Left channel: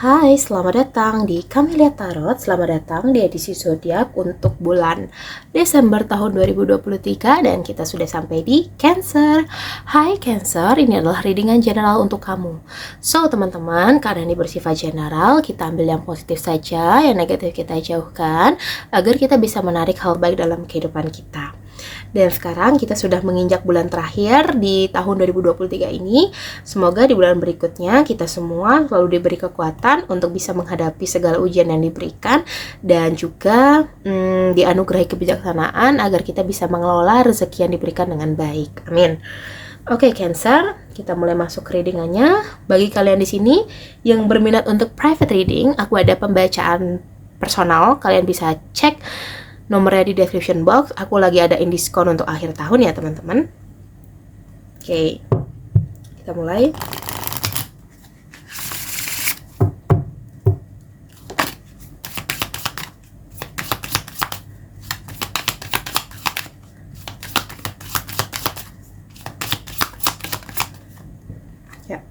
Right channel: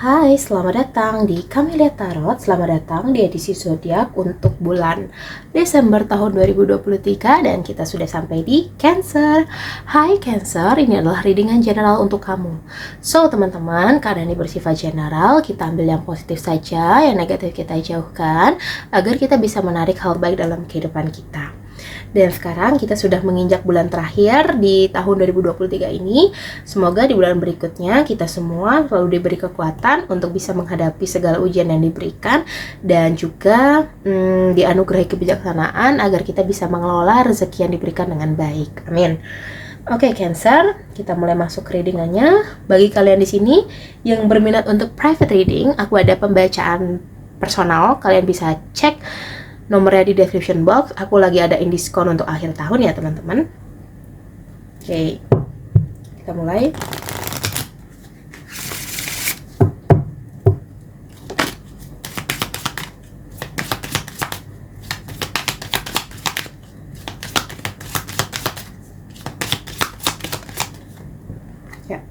Hai, selamat datang di Camelia Tarot. Selamat datang di edisi zodiak untuk bulan Desember tahun 2023 dan kita sudah sampai di Cancer. Hai Cancer, ini adalah readingan general untuk kamu. So, teman-teman, karena ini bersifat general, kita ambil yang positif saja, yang negatif kita jauhkan agar kita bisa menarik hal baik dalam kehidupan kita. Dan sekarang kita sudah menginjak bulan terakhir di tahun 2023 ini. Semoga di bulan berikutnya kita semua selalu diberi kekuatan untuk bisa menghadapi segala ujian yang diberikan dan juga dianugerahi kebijaksanaan agar kita bisa mengelola rezeki yang diberikan dengan baik. Amin. Oke, Cancer, kita mulai masuk ke readingannya. Bagi kalian di sini yang berminat untuk private reading, aku ada pembacaan personal. Kalian bisa cek nomornya di description box. Aku lagi adain diskon untuk akhir tahun ya teman-teman. Oke, kita mulai. Ya.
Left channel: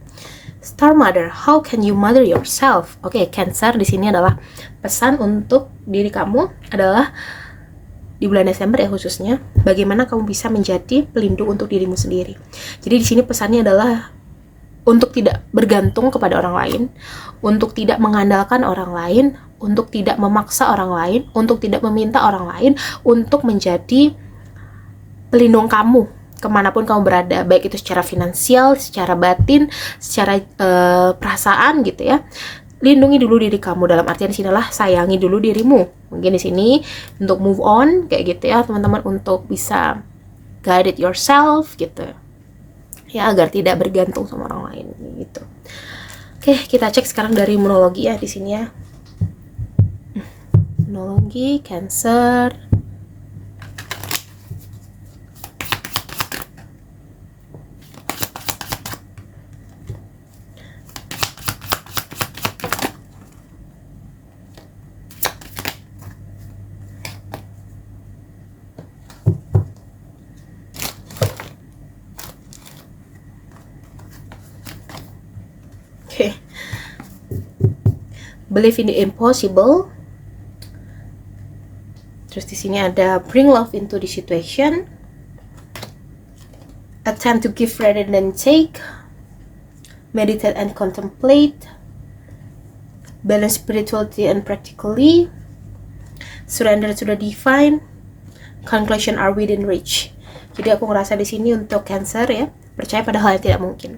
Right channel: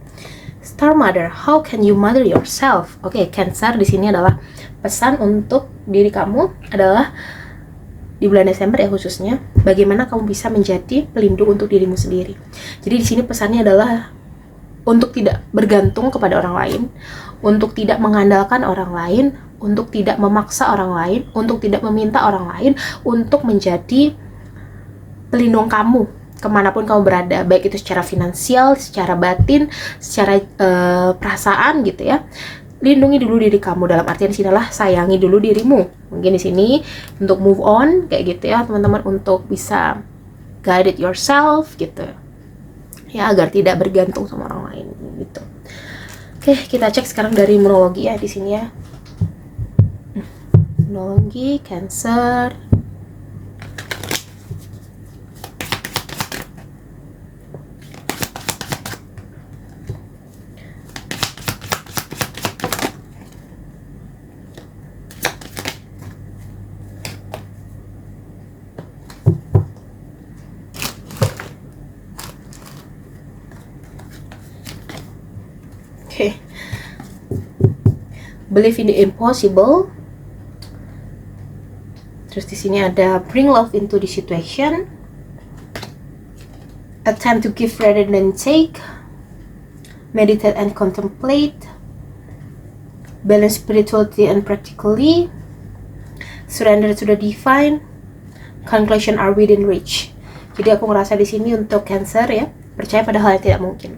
Star Mother, how can you mother yourself? Oke, Cancer di sini adalah pesan untuk diri kamu adalah di bulan Desember ya khususnya, bagaimana kamu bisa menjadi pelindung untuk dirimu sendiri. Jadi di sini pesannya adalah untuk tidak bergantung kepada orang lain, untuk tidak mengandalkan orang lain, untuk tidak memaksa orang lain, untuk tidak meminta orang lain untuk menjadi pelindung kamu kemanapun kamu berada, baik itu secara finansial, secara batin, secara perasaan gitu ya. Lindungi dulu diri kamu, dalam artian di sini adalah sayangi dulu dirimu. Mungkin di sini untuk move on kayak gitu ya teman-teman, untuk bisa guide it yourself gitu ya, agar tidak bergantung sama orang lain gitu. Oke, kita cek sekarang dari numerologi ya di sini ya. Numerologi Cancer. Okay. Believe in the impossible. Terus di sini ada bring love into the situation. Attempt to give rather than take. Meditate and contemplate. Balance spirituality and practically. Surrender to the divine. Conclusion are within reach. Jadi aku ngerasa di sini untuk Cancer ya, percaya pada hal yang tidak mungkin.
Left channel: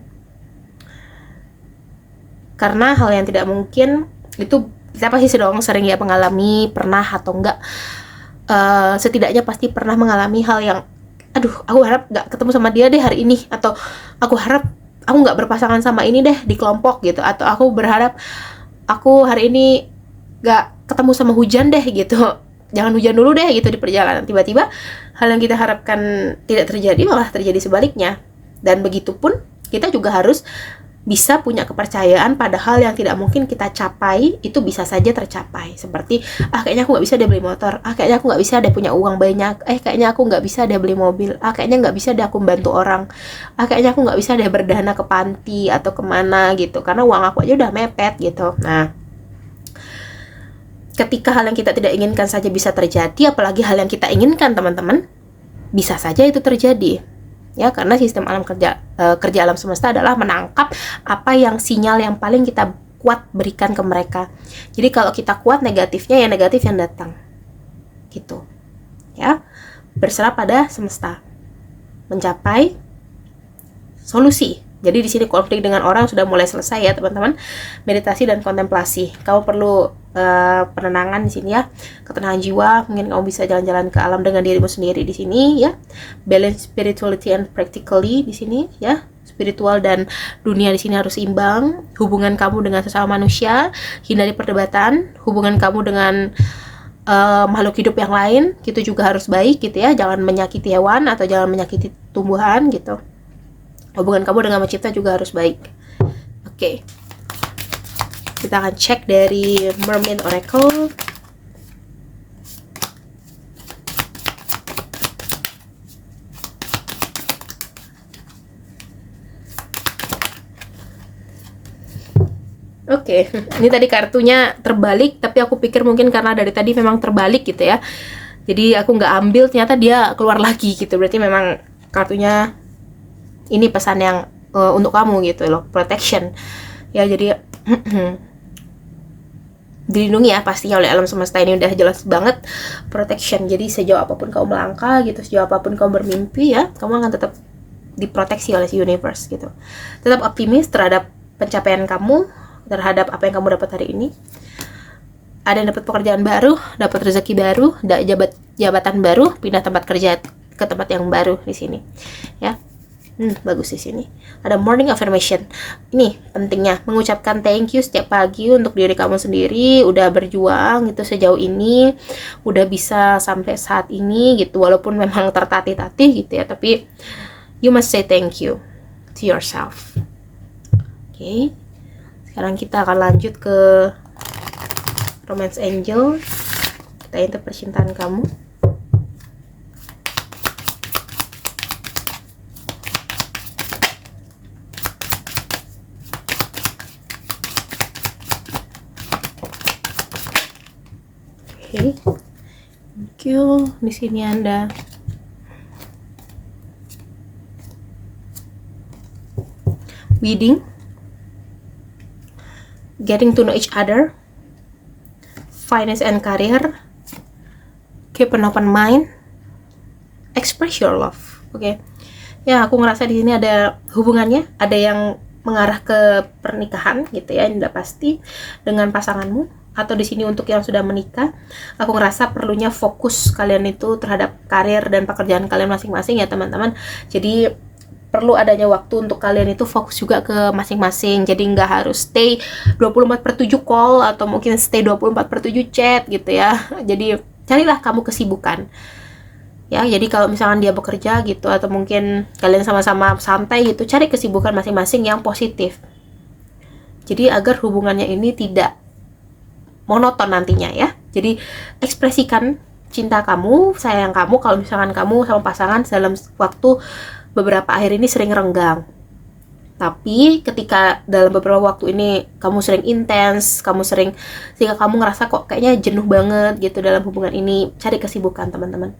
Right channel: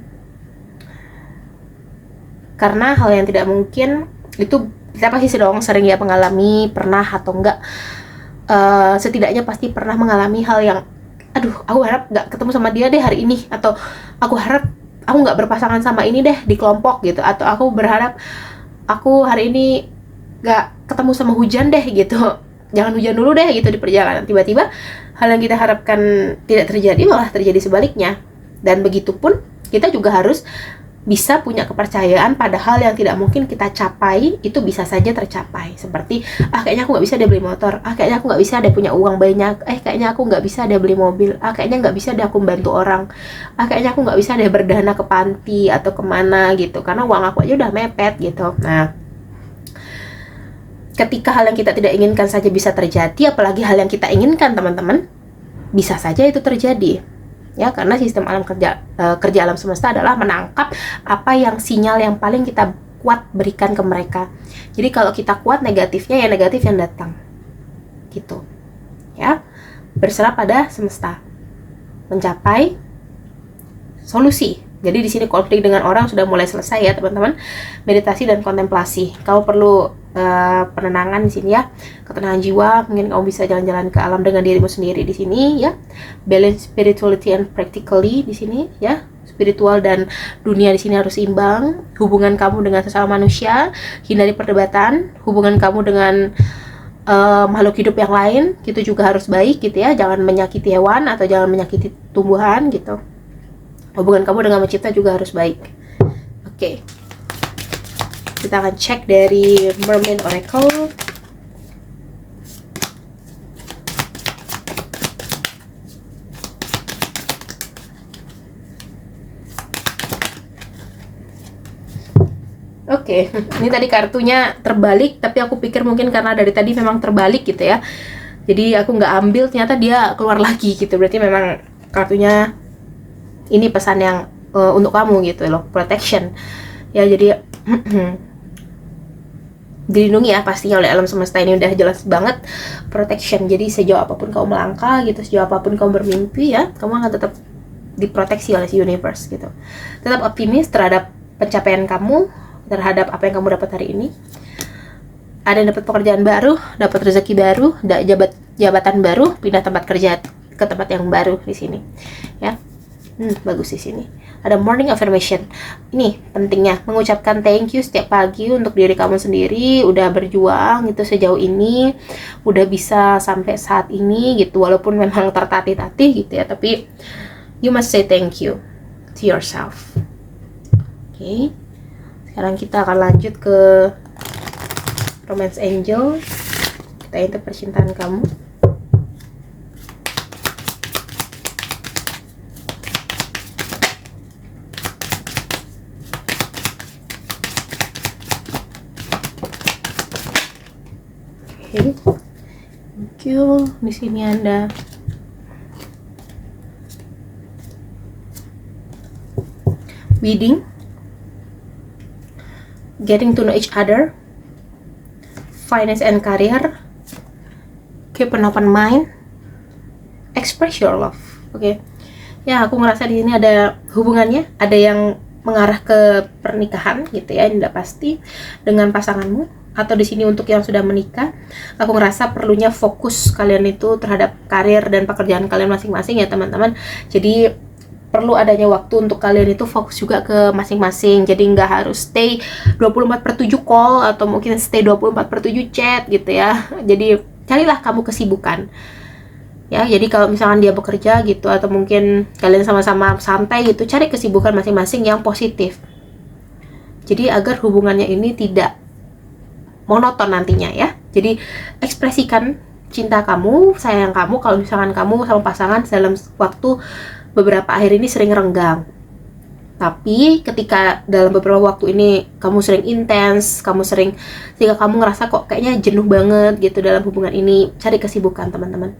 Karena hal yang tidak mungkin itu kita pasti sering ya mengalami, pernah atau enggak, setidaknya pasti pernah mengalami hal yang aku harap gak ketemu sama dia deh hari ini, atau aku harap aku gak berpasangan sama ini deh di kelompok gitu, atau aku berharap aku hari ini gak ketemu sama hujan deh gitu, jangan hujan dulu deh gitu di perjalanan. Tiba-tiba hal yang kita harapkan tidak terjadi malah terjadi sebaliknya. Dan begitupun kita juga harus bisa punya kepercayaan pada hal yang tidak mungkin kita capai itu bisa saja tercapai. Seperti kayaknya aku nggak bisa deh beli motor, kayaknya aku nggak bisa deh punya uang banyak, kayaknya aku nggak bisa deh beli mobil, kayaknya nggak bisa deh aku membantu orang, kayaknya aku nggak bisa deh berdana ke panti atau kemana gitu karena uang aku aja udah mepet gitu. Nah, ketika hal yang kita tidak inginkan saja bisa terjadi, apalagi hal yang kita inginkan teman-teman, bisa saja itu terjadi. Ya, karena sistem alam kerja alam semesta adalah menangkap apa yang sinyal yang paling kita kuat berikan ke mereka. Jadi kalau kita kuat negatifnya, ya negatif yang datang gitu ya. Berserah pada semesta mencapai solusi. Jadi di sini konflik dengan orang sudah mulai selesai ya teman-teman. Meditasi dan kontemplasi. Kamu perlu penenangan di sini ya, ketenangan jiwa. Mungkin kamu bisa jalan-jalan ke alam dengan dirimu sendiri di sini ya. Balance spirituality and practically di sini ya. Spiritual dan dunia di sini harus imbang. Hubungan kamu dengan sesama manusia, hindari perdebatan. Hubungan kamu dengan makhluk hidup yang lain gitu juga harus baik gitu ya. Jangan menyakiti hewan atau jangan menyakiti tumbuhan gitu. Hubungan kamu dengan pencipta juga harus baik. Oke. Kita akan cek dari Mermaid Oracle. Oke. Oke, ini tadi kartunya terbalik, tapi aku pikir mungkin karena dari tadi memang terbalik gitu ya. Jadi aku nggak ambil, ternyata dia keluar lagi gitu. Berarti memang kartunya ini pesan yang untuk kamu gitu loh, protection. Ya, jadi dilindungi ya pastinya oleh alam semesta, ini udah jelas banget protection. Jadi sejauh apapun kamu melangkah gitu, sejauh apapun kamu bermimpi ya, kamu akan tetap diproteksi oleh si universe gitu. Tetap optimis terhadap pencapaian kamu, terhadap apa yang kamu dapat hari ini. Ada yang dapat pekerjaan baru, dapat rezeki baru, jabatan baru, pindah tempat kerja ke tempat yang baru di sini ya. Bagus di sini. Ada morning affirmation. Ini pentingnya mengucapkan thank you setiap pagi untuk diri kamu sendiri, udah berjuang gitu sejauh ini, udah bisa sampai saat ini gitu, walaupun memang tertatih-tatih gitu ya, tapi you must say thank you to yourself. Oke. Sekarang kita akan lanjut ke Romance Angel. Kita intip percintaan kamu. Oke. Thank you. Di sini ada wedding, getting to know each other, finance and career, keep an open mind, express your love. Oke. Ya, aku ngerasa di sini ada hubungannya, ada yang mengarah ke pernikahan gitu ya, ini udah pasti dengan pasanganmu, atau di sini untuk yang sudah menikah. Aku ngerasa perlunya fokus kalian itu terhadap karir dan pekerjaan kalian masing-masing ya teman-teman. Jadi perlu adanya waktu untuk kalian itu fokus juga ke masing-masing. Jadi nggak harus stay 24/7 call atau mungkin stay 24/7 chat gitu ya. Jadi carilah kamu kesibukan. Ya, jadi kalau misalkan dia bekerja gitu atau mungkin kalian sama-sama santai gitu, cari kesibukan masing-masing yang positif. Jadi agar hubungannya ini tidak monoton nantinya ya. Jadi ekspresikan cinta kamu, sayang kamu kalau misalkan kamu sama pasangan dalam waktu beberapa akhir ini sering renggang. Tapi ketika dalam beberapa waktu ini kamu sering intens, kamu sering sehingga kamu ngerasa kok kayaknya jenuh banget gitu dalam hubungan ini, cari kesibukan teman-teman.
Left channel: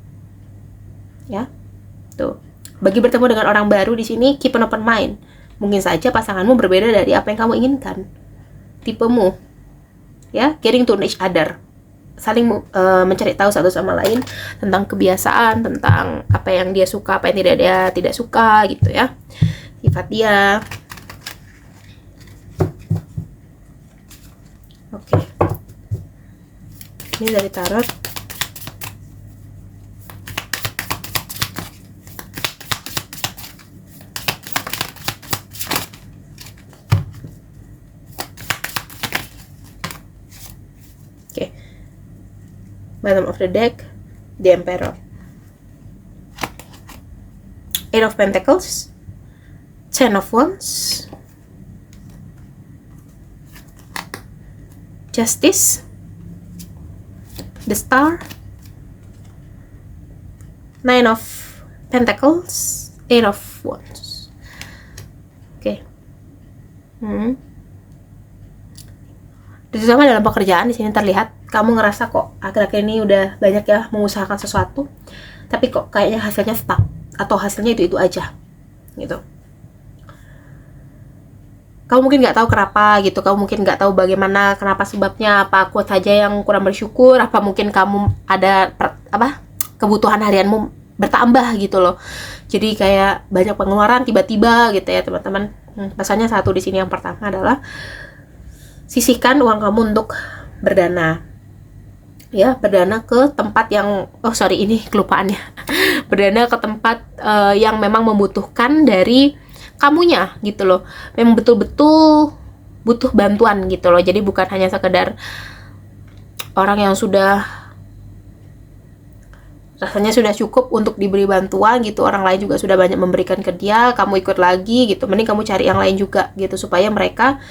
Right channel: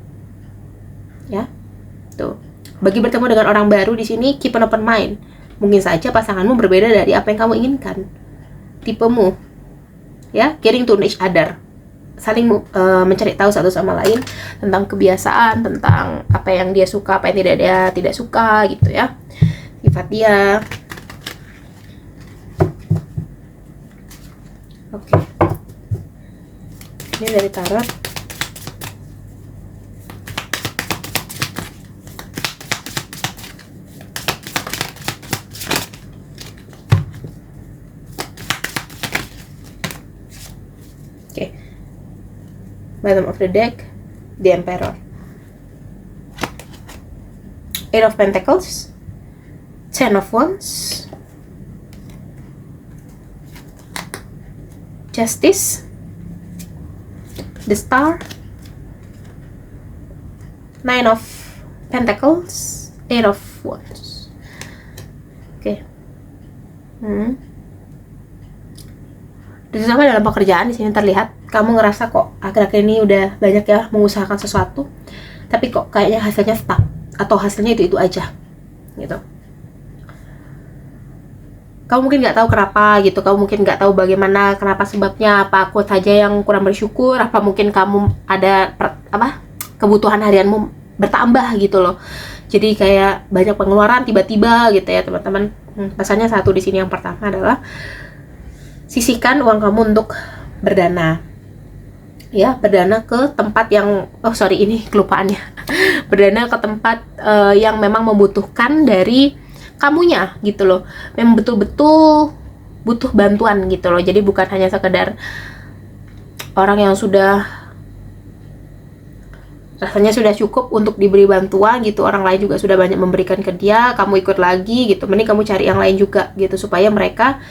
Ya. Tuh. Bagi bertemu dengan orang baru di sini, keep an open mind. Mungkin saja pasanganmu berbeda dari apa yang kamu inginkan. Tipemu. Ya, getting to know each other. Saling mencari tahu satu sama lain tentang kebiasaan, tentang apa yang dia suka, apa yang tidak suka gitu ya, sifat dia. Oke. Ini dari tarot. Bottom of the deck, the Emperor, Eight of Pentacles, Ten of Wands, Justice, the Star, Nine of Pentacles, Eight of Wands. Oke. Terutama dalam pekerjaan di sini terlihat kamu ngerasa kok akhir-akhir ini udah banyak ya mengusahakan sesuatu, tapi kok kayaknya hasilnya stuck atau hasilnya itu aja gitu. Kamu mungkin nggak tahu kenapa gitu, kamu mungkin nggak tahu bagaimana, kenapa sebabnya, apa aku saja yang kurang bersyukur, apa mungkin kamu ada kebutuhan harianmu bertambah gitu loh. Jadi kayak banyak pengeluaran tiba-tiba gitu ya teman-teman. Rasanya satu di sini yang pertama adalah sisihkan uang kamu untuk berdana. Ya, berdana ke tempat yang ini kelupaannya. Berdana ke tempat yang memang membutuhkan dari kamunya gitu loh. Memang betul-betul butuh bantuan gitu loh. Jadi bukan hanya sekedar orang yang sudah rasanya sudah cukup untuk diberi bantuan gitu, orang lain juga sudah banyak memberikan ke dia, kamu ikut lagi gitu. Mending kamu cari yang lain juga gitu supaya mereka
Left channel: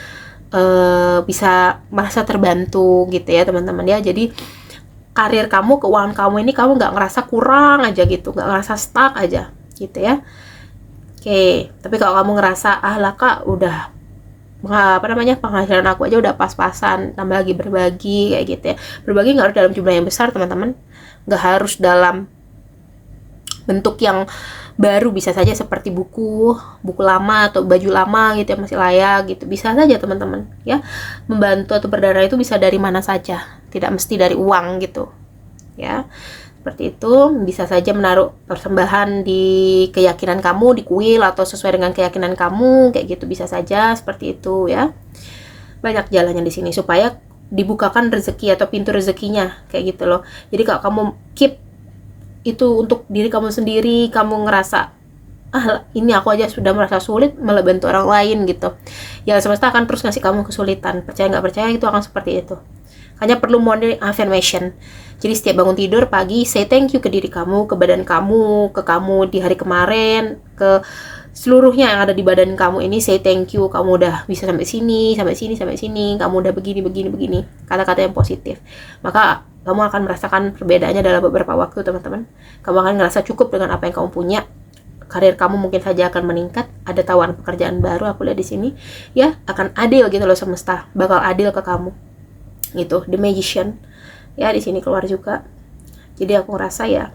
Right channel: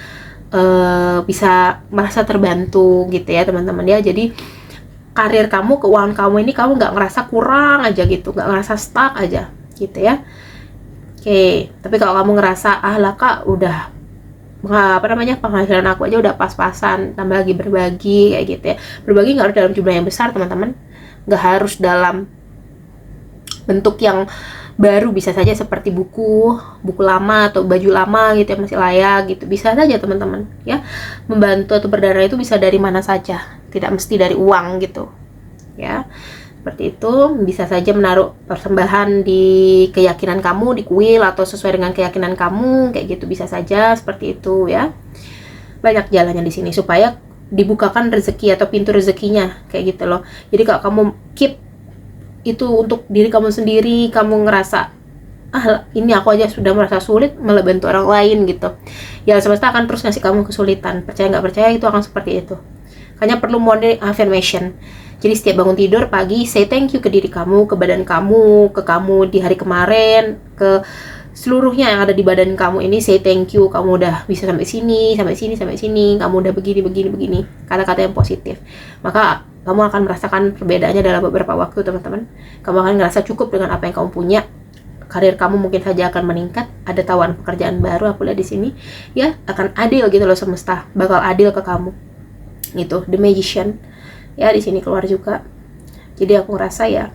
bisa merasa terbantu gitu ya teman-teman ya. Jadi karir kamu, keuangan kamu ini kamu nggak ngerasa kurang aja gitu, nggak ngerasa stuck aja gitu ya. Oke, tapi kalau kamu ngerasa lah kak udah penghasilan aku aja udah pas-pasan, tambah lagi berbagi kayak gitu ya. Berbagi nggak harus dalam jumlah yang besar teman-teman, nggak harus dalam bentuk yang baru, bisa saja seperti buku lama atau baju lama gitu yang masih layak gitu, bisa saja teman-teman ya. Membantu atau berdarah itu bisa dari mana saja, tidak mesti dari uang gitu ya. Seperti itu, bisa saja menaruh persembahan di keyakinan kamu, di kuil atau sesuai dengan keyakinan kamu kayak gitu, bisa saja seperti itu ya. Banyak jalannya di sini supaya dibukakan rezeki atau pintu rezekinya kayak gitu loh. Jadi kalau kamu keep itu untuk diri kamu sendiri, kamu ngerasa ini aku aja sudah merasa sulit, malah bantu orang lain gitu, ya semesta akan terus ngasih kamu kesulitan. Percaya nggak percaya itu akan seperti itu. Hanya perlu morning affirmation. Jadi setiap bangun tidur pagi, say thank you ke diri kamu, ke badan kamu, ke kamu di hari kemarin, ke seluruhnya yang ada di badan kamu ini. Say thank you, kamu udah bisa sampai sini, sampai sini, sampai sini, kamu udah begini, begini, begini. Kata-kata yang positif. Maka kamu akan merasakan perbedaannya dalam beberapa waktu teman-teman. Kamu akan ngerasa cukup dengan apa yang kamu punya. Karir kamu mungkin saja akan meningkat, ada tawaran pekerjaan baru aku lihat di sini ya, akan adil gitu loh, semesta bakal adil ke kamu gitu. The Magician ya di sini keluar juga. Jadi aku ngerasa ya,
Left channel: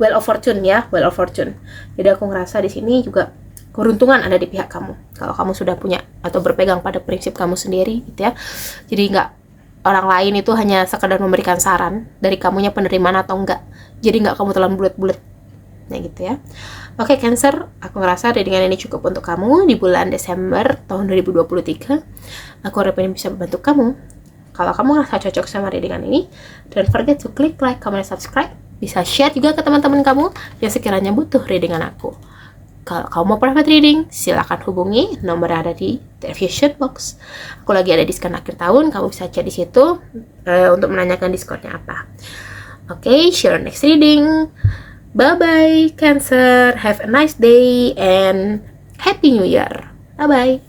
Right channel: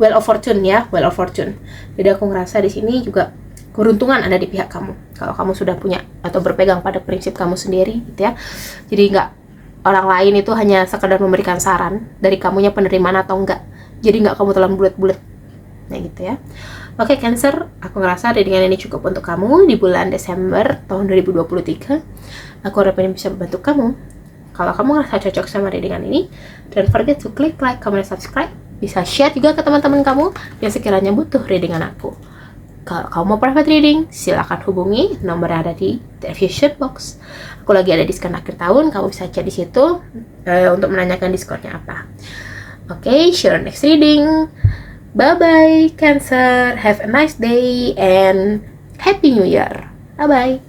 Wheel of Fortune ya, Wheel of Fortune. Jadi aku ngerasa di sini juga keberuntungan ada di pihak kamu kalau kamu sudah punya atau berpegang pada prinsip kamu sendiri gitu ya. Jadi nggak orang lain itu hanya sekedar memberikan saran, dari kamunya penerimaan atau enggak. Jadi nggak kamu telan bulat-bulat nah gitu ya. Oke Cancer, aku ngerasa readingan ini cukup untuk kamu di bulan Desember tahun 2023. Aku harap ini bisa membantu kamu. Kalau kamu ngerasa cocok sama readingan ini, don't forget to click like, comment, dan subscribe. Bisa share juga ke teman-teman kamu yang sekiranya butuh readingan aku. Kalau kamu mau private reading, silakan hubungi nomor yang ada di description box. Aku lagi ada diskon akhir tahun, kamu bisa chat di situ untuk menanyakan diskonnya apa. Oke, see you next reading. Bye-bye Cancer, have a nice day and Happy New Year. Bye-bye.